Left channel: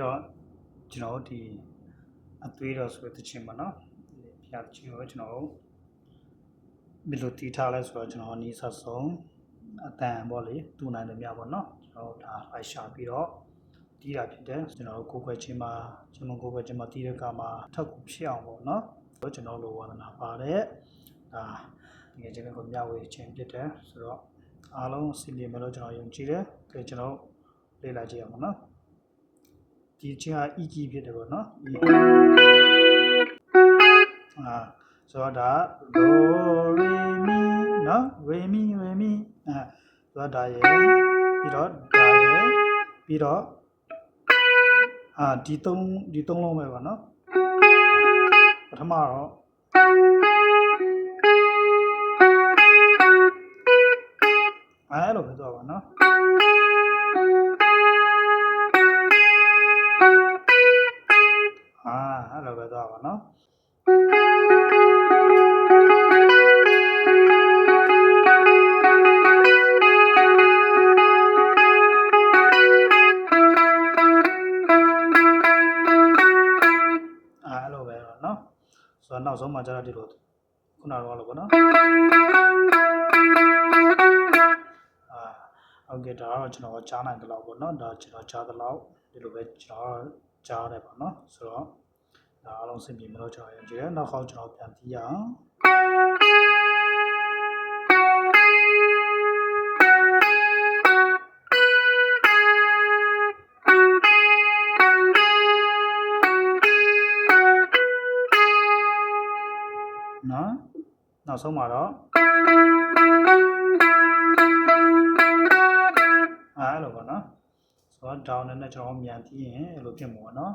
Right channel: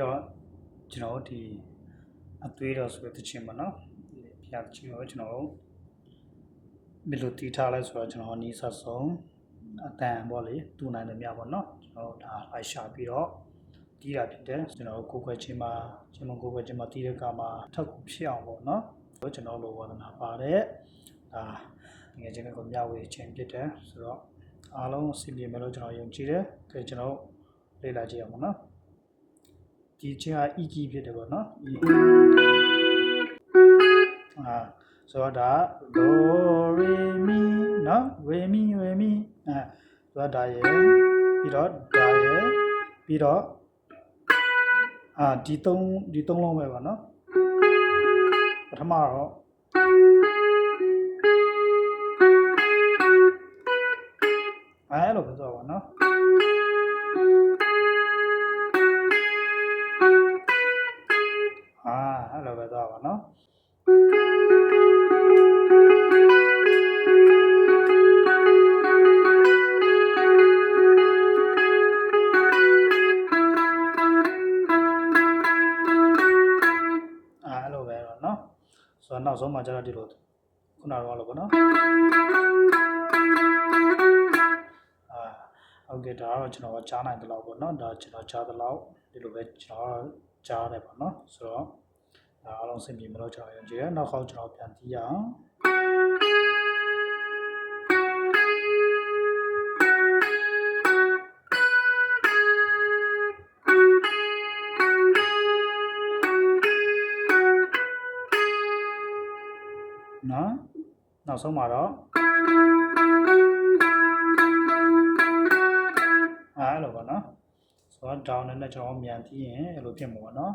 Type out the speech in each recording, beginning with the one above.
တော့ကျွန်တော်ဒီအသွေးတော်ဆိုတဲ့တခြင်းပါနော်ဖျားတခြင်းကိုကျွန်တော်ဘယ်လိုတီးထားလဲဆိုတော့ကျွန်တော်နီးစပ်ဆုံးအတန်ပေါ့လေတူနိုင်တယ်များပေါ့နော်ကျွန်တော်ဒါလိုက်ရှာပြီးတော့တီးတာဖြစ်တယ်ကျွန်တော်ကိုယ်ွယ်ချင်းမှာကျွန်တော်ကိုယ်ွယ်ချင်းမှာတီးတဲ့ကမှာထပ်ကူဖြစ်အောင်ပေါ့နော်ကျွန်တော်လိုဝါသနာပါတယ်ဒါငယ်ချင်းကိုမျှဝေခြင်းဖြစ်တယ်ဆိုတော့အားလုံးအစီအပြေမယ်လို့ကျွန်တော်ယုံကြည်တယ်ကဲကျွန်တော်လေ့လာကြည့်အောင်ပါနော်ဒီချင်းဟာ E key ဖြစ်တယ်ပေါ့နော် E ဆိုတော့ဒါ Do Re Mi နော် Re Mi ဆိုတော့ဒါရယ်ပြီးတော့ဒါရယ်ပြီးတော့ဒီသုံးလုံးပဲပေါ့နော်ပထမတော့အဲ့လိုပဲဆိုပါနော်အဲ့လိုပဲသွားပါနော်အဲ့လိုပဲတော့နော်ဆိုတော့နောက်ဆုံးမှကျတော့ဒီလိုခုနကတော့လို့ပေါ့နော်ဟုတ်ကဲ့ဒါတော့ကျွန်တော်ကြားနိုင်တယ်လို့ပေါ့နော်ဒါကျွန်တော်ကြားတယ်လို့ဒီလိုပဲကျွန်တော်ကြားတယ်ပေါ့နော်ဆိုတော့ဒါအားလုံးစင်ပြေမလို့ကျွန်တော်ယုံကြည်တယ်နောက်ခေါက်ကျွန်တော်ပြန်တီးရအောင်နော်နောက်ဆုံးမှာတော့အဲ့လိုပါနော်ဆိုတော့ down နဲ့ကျွန်တော်မြန်ပြီးရင်အဲ့လိုဖြစ်မှာပေါ့နော်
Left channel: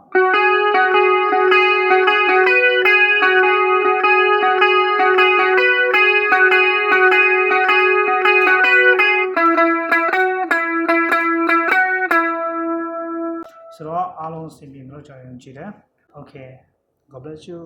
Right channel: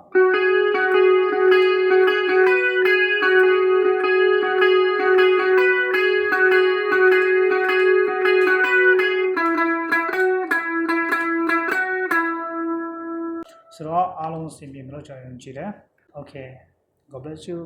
ဆိုတော့အားလုံးအဆင်ပြေမလို့ကျွန်တော်ယုံကြည်တယ် Okay God bless you